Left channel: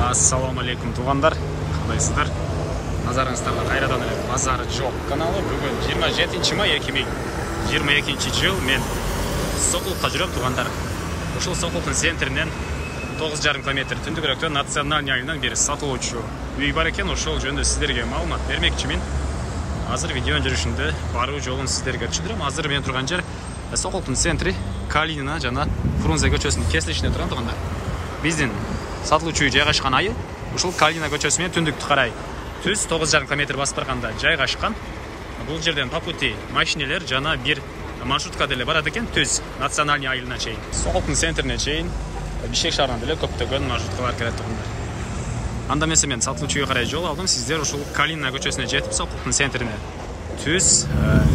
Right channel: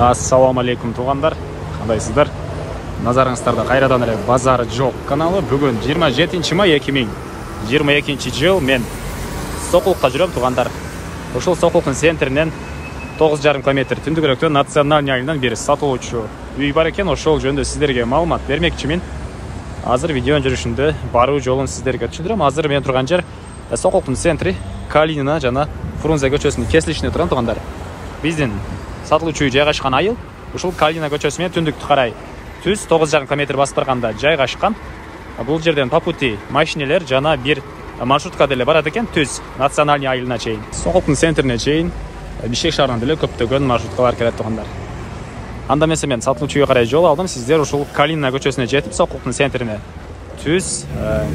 Ассаламу алейкум туғандар, қандайсыздар? Назарыңыздарда қайрадан ere базары жоқ каналы. Бүгін 27 май 2022 жыл мен Соқұлыққа жүрем туғандар. Ошол Соқұлықтың центрінен 9,5 км түндігіректе национальный айынан бері сатылуучу үй бар екен. Ошол жөнүндө сиздерге маалымат бермекчимин. Азыр видеонун жүрүшүндө баруу жолун сиздерге түшүндүрөм. Азыр мен турган жер Соқұлықтың центри Калинина жана Фрунзе көчөсүнүн кесилишинде турган туғандар. Биздин сатылуучу үй жайгашкан айыл ушул Калинина көчөсү менен түндүктү карай түз 9,5 км басып барганда жайгашкан. Бул жерден по пути машинелер жана бир маршрутка деле барат экен, түз национальный айылына чейин. Соқұлықтың центрине чейин Бишкек шаарынан деле көптөгөн маршруткалар келет тугандар. Анда эмесе мен сатылуучу үйгө карай жол алдым. Сиздер ушул Калинина көчөсүнө жетип Соқұлықтың центрине түз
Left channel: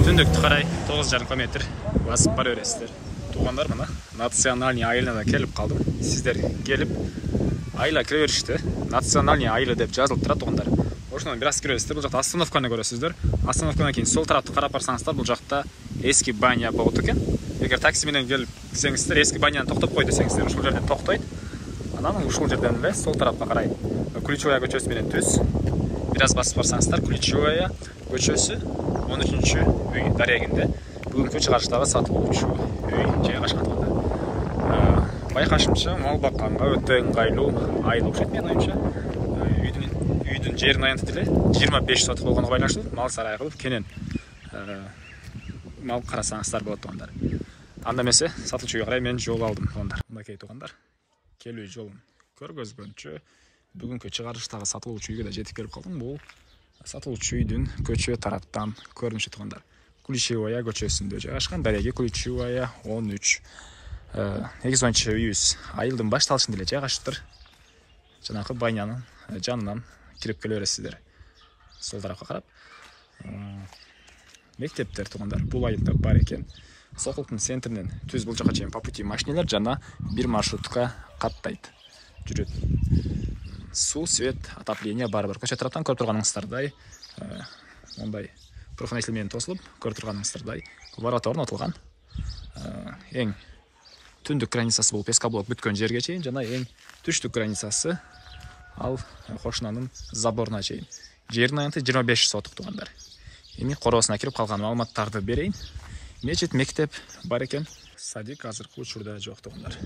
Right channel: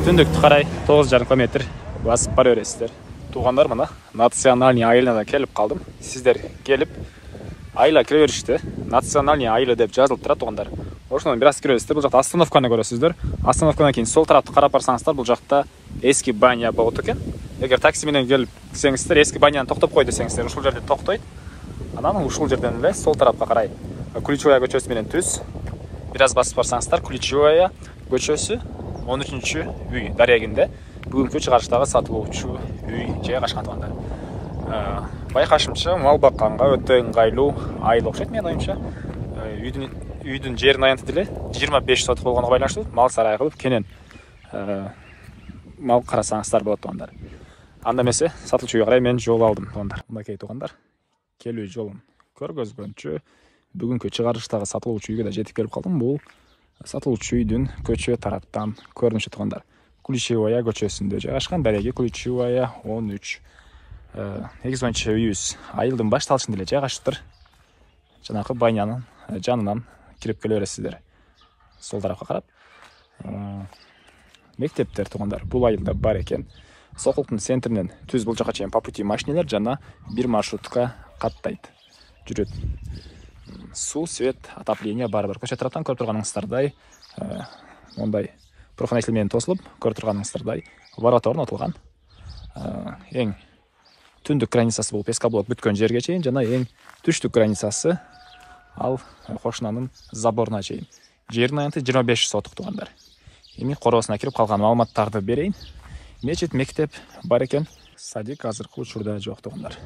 түндүктү карай 9,5 км басып бара бересиздер. Туғандар, мына национальный айылына келип калдым. Сиздер келип айылга кире беришти. Национальный айылы деп жазылып турат туғандар. Ошондон бир аз киресиздер. Бул жакта остановканы көрөсүздөр. Остановкадан кийин сол тарапты карап барсаңыздар, бул жакта эски баня болот экен. Эгер такси менен келсеңиздер, эски баняны токтоп кой десеңиздер, ушул жерде токтойт. Анан ушул жерден эле сол тарапка карай Ключевая көчөсү менен түз бир аз басып барсаңыздар, Ключевая көчөсү 13-үй дарегинде бүгүнкү чыгарыштагы сатылуучу үй жайгашкан тугандар. Байкашымча мал бакканга өтө ыңгайлуу айыл окшойт менин оюмча. Үйдүн жерин аянтып деле 25 соток болгонго байланыштуу мал сарай кылып кенен мал карасаңыздар болот тугандар. Анда эмесе сатылуучу үйгө карай мен жол алдым тугандар. Мынакей тугандар, келүү жолун көргөзгөнчө бүгүнкү чыгарыштагы сатылуучу үйгө да жетип келип калдым. Бул сатылуучу үйдүн көчө тараптан көрүнүшү тугандар. Ключевая көчөсүндө жайгашкан, дареги Ключевая 13. Эгизончу үйүбүз айылдын башталышында эле жайгашыптыр. Жанакы банянын жанынан кирип келе бересиздер. Сол тарапка карап. Мектептер тугандар бул айылда бар экен. Соқұлықтың центринен түз бул жака чейин по пути машинелер жана бир маршрутка каттайт. Жүрөт. Суу, свет, отопление бар-бар. Көчө тараптан көрүп турганыңыздардай, мондай профнайсил менен тосулуп, көрүп турганыңыздардай ворота орнотулган. Эң түндүк границасы болуп Пескоблок бүткөн жерге чейин жана эң түштүк границасы ал кошунанын заборуна чейин. Жердин аянты 25 соток тугандар. Эми короосуна кирип калган маалыматтарды берейин. Мечит, мектеп бар экен. Садик азыркы учурда жок тугандар.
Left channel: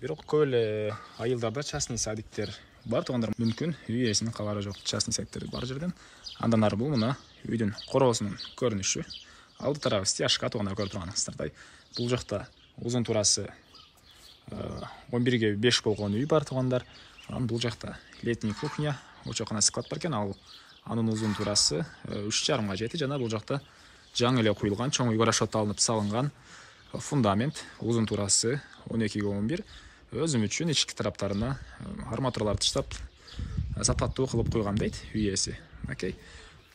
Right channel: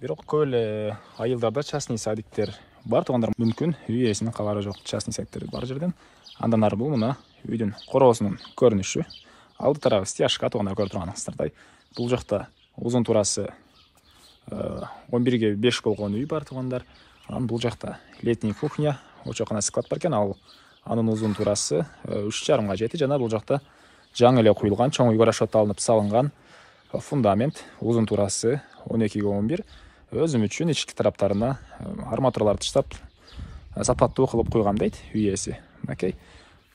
Бирок көп эле айылдарда частный садиктер бар тугандар. Мүмкүн үй ээсинин кабары жок частный садиктер бар жерден. Андан ары бул мына үйдүн короосунун көрүнүшү. Алды тарабы стяжка тугандар, көрүп турганыңыздардай. Бул жакта узун турасы 11ге 5 болгон үй бар тугандар. Анан бул жакта летний кухня, очокана склад бар экен. Анын узун турасы 3,5 жети жана бул жакта жаңы эле куюлган, чоң үйгө расчет алынып салынган фундамент. Узун турасы 12ге 11. Өзүм үчүн ички тараптарына арматуралар таштап сапаттуу кылып куйгам дейт үй ээси. Окей.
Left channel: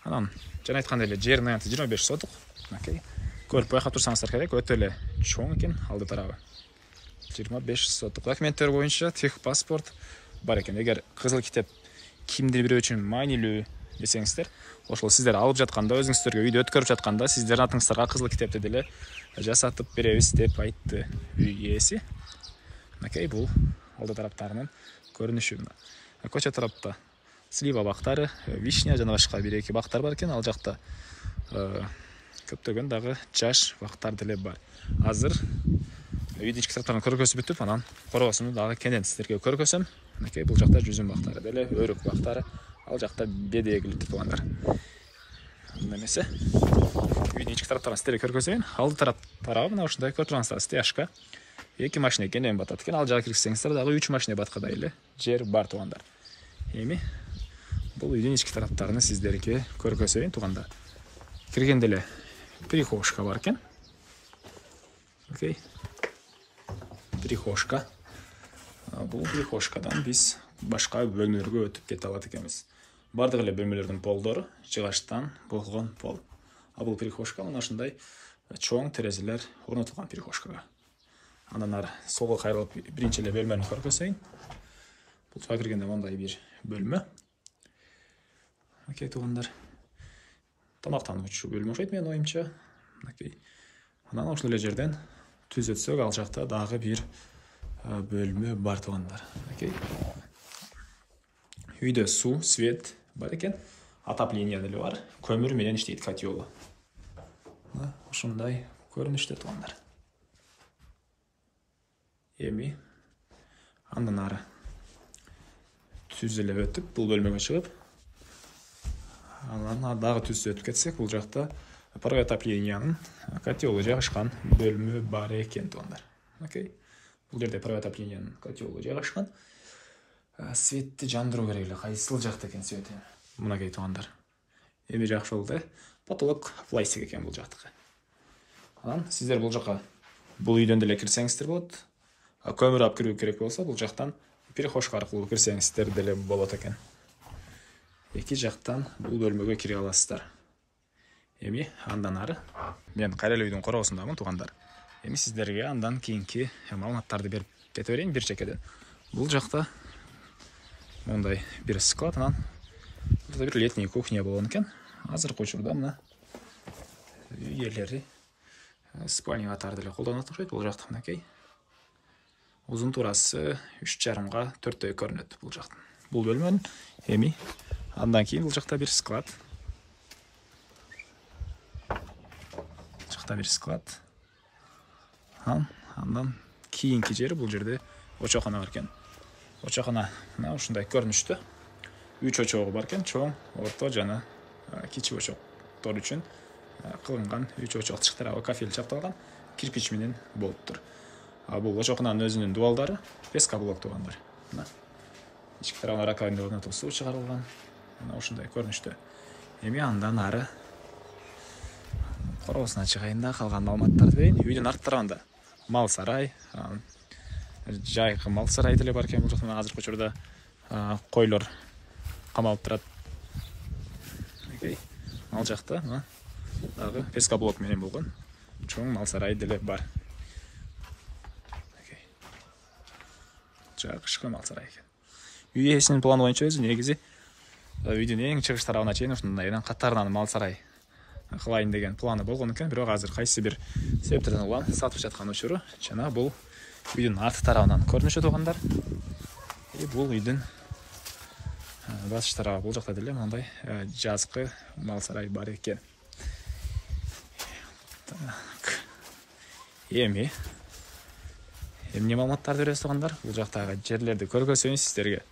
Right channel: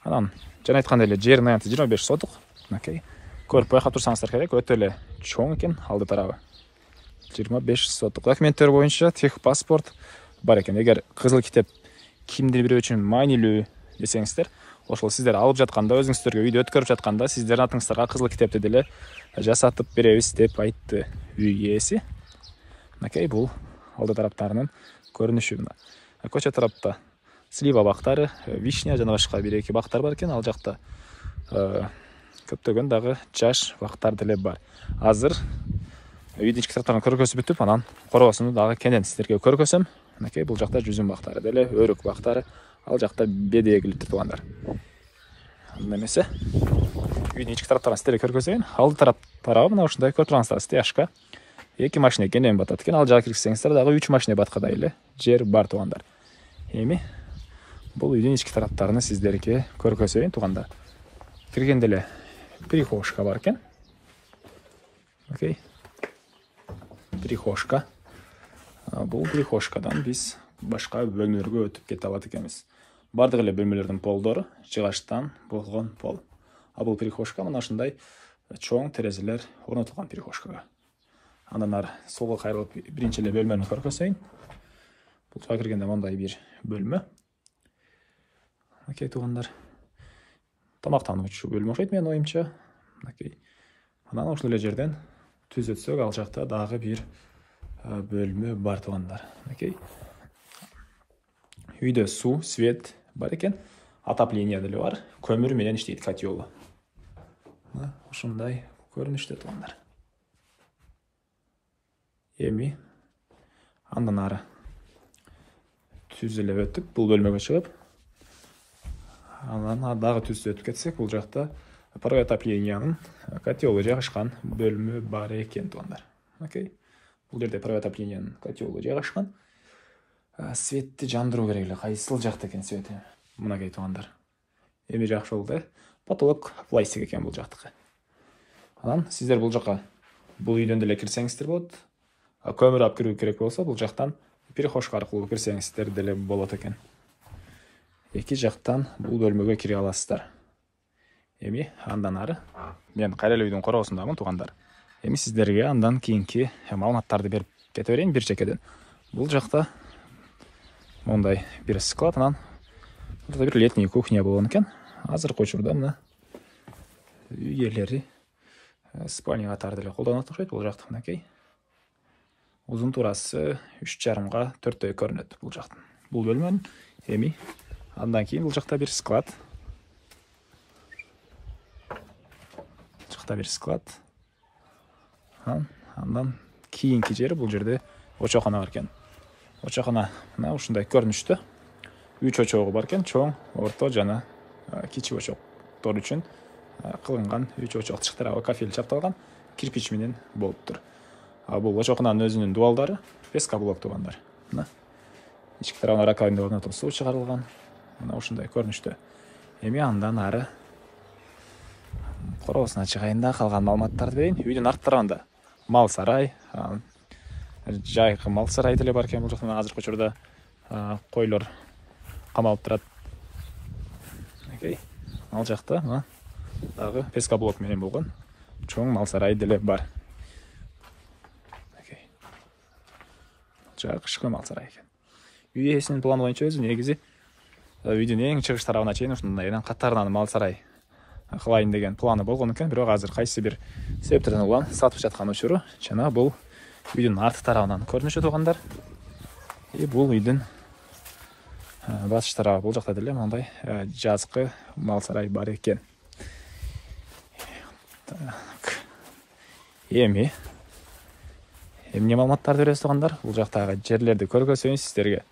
Анан жана айткандай эле жерин аянты 25 соток. Окей. Көрүп байкап турсаңыздар керек, өтө эле чоң экен алды тарабы. 25 соток. Документтер боюнча техпаспорт бар экен. Эгер кызыл китеп кимдир бирөө үчүн маанилүү десеңиздер, ошол сиздер алып жатканда, өзүңүздөргө үйдө өткөрүп жатканда сиздердин атыңыздарга кызыл китепти деле жасатып беребиз деп айтты үй ээси. Окей, бул алды тараптарынын көрүнүшү. Көчө тарапта слива бактары, вишня жана башка бир-эки бактар бар экен. Ал жакта көптөгөн дагы жаш бактар деле бар. Азыр үйдүн ички тараптарын көргөзүп бүтүп, анан короосуну дагы кенен сиздерге көргөзөм. Окей, бул жакта жүзүм бактары деле, өрүк бактары, ал жакта бедегиликтүү тугандар. Анда эмесе үйдүн ички тараптарын сиздерге көргөзөйүн. Алды тарабы мына ушундай көрүп тургансыздар, стяжка. 2 машина кенен батат экен. Ал жака кирсеңиздер дагы 3 машина баткадай эле жер бар тугандар. Эми бул үйдүн ички тараптарын сиздерге көргөзөйүн тугандар. Киргенде эле прихожка бар экен. Окей. Прихожка. Бул прихожкадан биз башка бөлмөлөргө өтүп кете алат экенбиз. Бардык эле бөлмөлөрдүн полдору жыгачтан болгон пол. Бул прихожка мына ушундай чоң терезелер орнотулган прихожкага. Андан ары солго кайрылып биринчи эле бөлмөнү көргөзөйүн. Бул киргенде мондай бир бөлмө. Окей, тугандар. Тамактануучу бөлмө окшойт менин оюмча. Окей. Анан ошол эле жерден түз өтсөк, ал жакта дагы бир бөлмө бар тугандар. Окей. үйдө суу, свет бар экен, отопление деле бар, көмүр менен иштейт котелу. Ушундай көрүнүштө туугандар. Эми андан ары түз эле өтүп, бул бөлмөгө чыгып, анан дагы түз өтүп кетсек, бул жакта паровой отоплениянын котелу жайгашкан бөлмө бар экен туугандар. Окей. Бул жерде паровой отоплениянын котелу жайгашкан. Светти жандыруу керек эле. Кайсыл жакта экен свети? Мынакей туугандар. Эми жакшы болду. Потолок пластик экен бул жактыкы. Анан сиздер бул жака бул үйдөн деле кирсеңиздер болот. Көмүр алып кирүү керек болсо, бул жактан перехожка аркылуу кирсеңиздер деле болот экен. Эки жактан бул бөлмөгө кире аласыздар. Эми андан ары мен кайра эле үйдүн короосундамын туугандар. Эми сиздерге андан кийинки маалыматтарды берип кете берейин бир чекеден. Бул жакта мондай бир склад, анан бир летний кухня болгон экен. Азыркы учурда мына үй ээлери спальня катары деле колдонот окшойт бул жакты. Мынакей. Узун турасы 3,5 га 4 көрүнөт бул жактын. Бул бөлмөнүн. Эми андан кийин бул жакта бир склад. Бир склад. Андан кийинки жери бул жерде очокхана бар экен. Очокхана мына ушундай көрүнүштө. 3 очогу бар экен, чоң, орто жана кичи очоктор үчүн кылынган 3 очоктук тарабы кафель чапталган, кирпич менен болуптур. Бул очокхананын өзүнүн дубалдары пескоблок туугандар. Мына ички тарабына раковина орнотуп суу чыгарылган. Мына ушундай көрүнүштө. Эми андан ары короосуна чыгайын да калган маалыматтарды берейин. Үйдүн арт тарабында мал сарай, жайкы мал сарай деле бар экен. Бул жакта азыркы учурда койлор камалып турат. Ал жакта дагы пескоблок менен болгон чоң мал сарай деле бар. Жайкы мал сарай экен. Үй ээсинин планы боюнча өзү негизи үйдүн эң чыгыш тарабына чейин ушундай катарынан мал сарай кылайын деген планы болгон экен, бирок азыр кайсы бир себептерден улам сатып жаткан учуру жана бул үйдүн арт тарабынан көрүнүшү туугандар. Бул үйдүн баш тарабы бул жакта деле мындай жазкы мал сарай бар экен. Эми эмне маалыматтарды беребиз туугандар? Бул жактагы жерлерди көргөзөйүн сиздерге.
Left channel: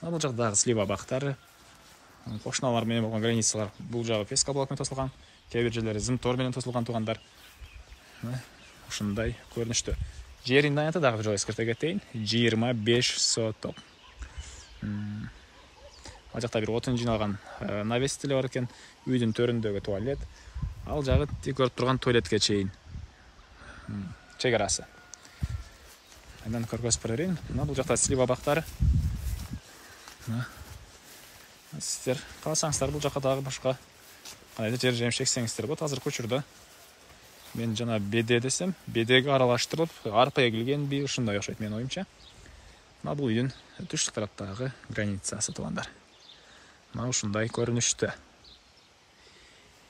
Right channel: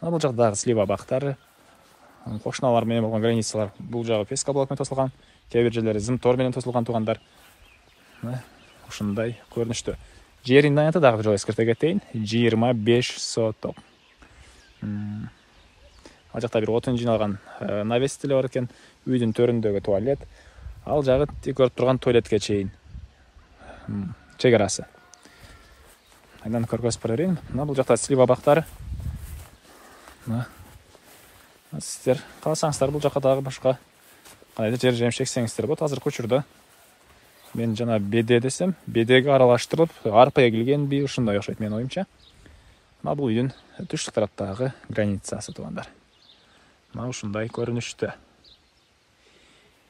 Бул жактагы слива бактары, кошуналар менен болгон границалар бул жагы пескоблок менен тосулган, кээ бир жерлери зымтор менен тосулган туугандар. Ушундай көрүнүштө. Жерин наянты дагы бир жолу эскерте кетейин. 25 соток. Ал жакта бир отун жиналган навес деле бар экен. Үйдүн төрүндөгү туалет. Ал жагы көрүп турган туалетке чейин чек арасы. Андан көргөзүп берейин. Мына бул жакта слива бактары. Сиздер кааласаңыздар бул жака дагы башка кандайдыр жер жемиш эксеңиздер болот. Азыркы учурда мен жана беде десем, бедеге аралаштырып, арпа эгилгенби ушундай окшойт менин оюмча. Мына бул үйдүн түштүк тараптагы границасы туугандар. Мына ушундай көрүнүштө.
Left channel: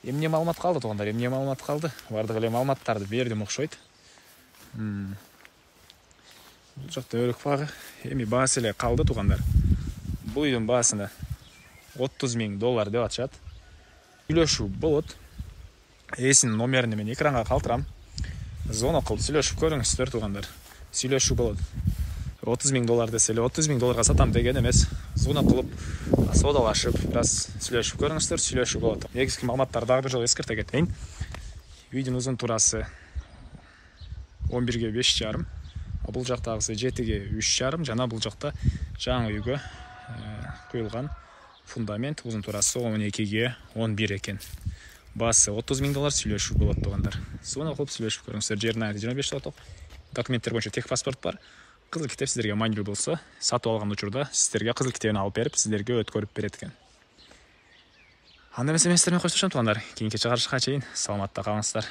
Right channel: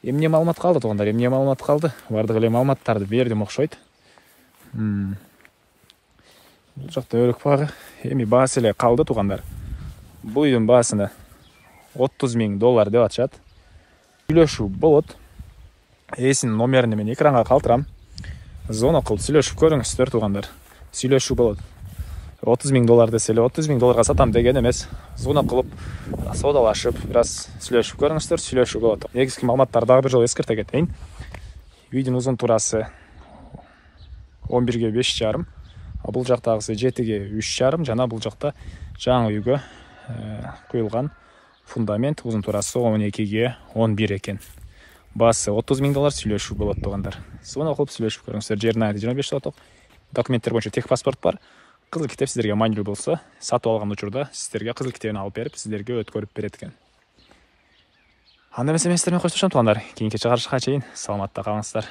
Эмне маалымат калды туугандар? Эмне маалымат калды? Бардык эле маалыматтарды бердим окшойт. Бул жакта өрүк багы. Эми баасы эле калды туугандар. Бул үйдүн баасына $30,000 деп атышат. Сүйлөшүү болот. Ээсинин номерин мен экранга калтырам. Звонок кылып сүйлөшүп көрүңүздөр туугандар. Сүйлөшүү болот. $30,000 десе эле $30,000 сатам деген эмес. Звонок кылып соодалашып, бир аз сүйлөшүп көрүңүздөр, сүйлөшүү болот. Негизги маалыматтарды дагы бир жолу эскерте кетейин. Үйдүн узун турасы 11 ге 5,5, бул жактагысы 7 ге 3,5 жана бул жакта жаңы үйгө куюлган фундамент узун турасы 12 ге 11 экен. Баасы $30,000 сүйлөшүү болот туугандар. Звонок кылып сүйлөшүп көрүңүздөр. Жерин 25 соток. Документтер боюнча техпаспорт бар. Кызыл китеп сиздерге маанилүү болсо, сатып алган учурда сиздерге кызыл китебин алып берип, сиздерге өткөрүп берет экен. Анда эмесе мен сиздер менен коштошом туугандар. Кийинки чыгарышка чейин саламатта калыңыздар.